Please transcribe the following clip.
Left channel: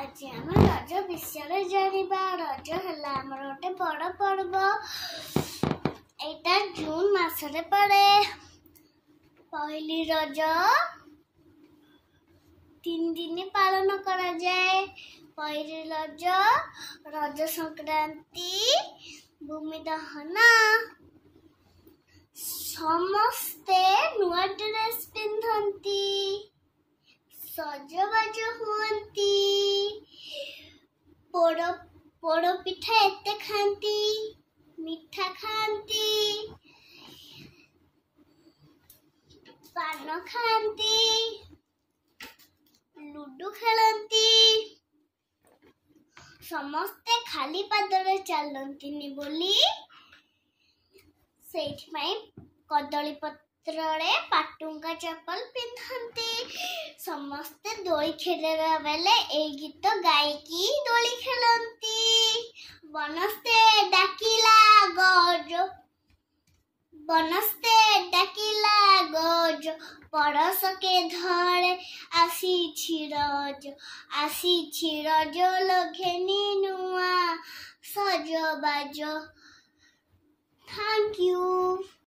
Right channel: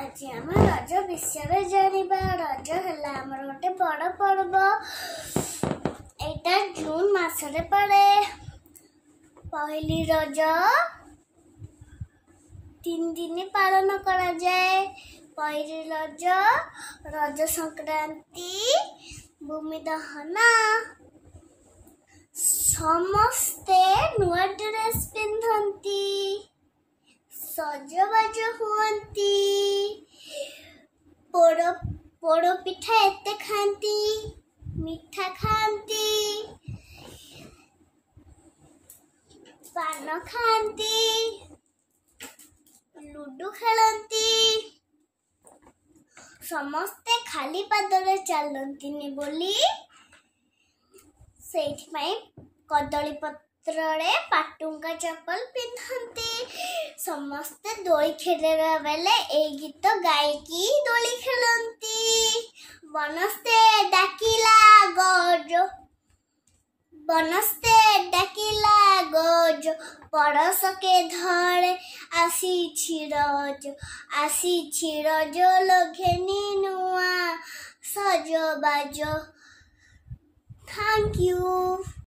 आज आम रज विषय जानिबा। रज है आमर गोटे बड़ पर्व। एटा जून मासरे पड़े। पहली रज 3 दिन पालन करा जाए। पहली रज, रज संक्रांति, भूमि दहन। समस्ते नुआ ड्रेस पिंधंती, सजबाज हुअंती, पोड़ पिठा एते खांती, मिठा खांती, पान खांती, लूडो खेलती। समस्ते खाली पादरे चलती बोली से कदली पत्रे पाटुंगा चप्पल पिंधती। समस्ते दोली खेलरा बेले ए गीत गायकी दोली खेलती। बनस्ते डाकिला गज, बनस्ते डाकिला गज, पड़स के धरे आसी रज लघेनी नुआ सजबाज। Thank you.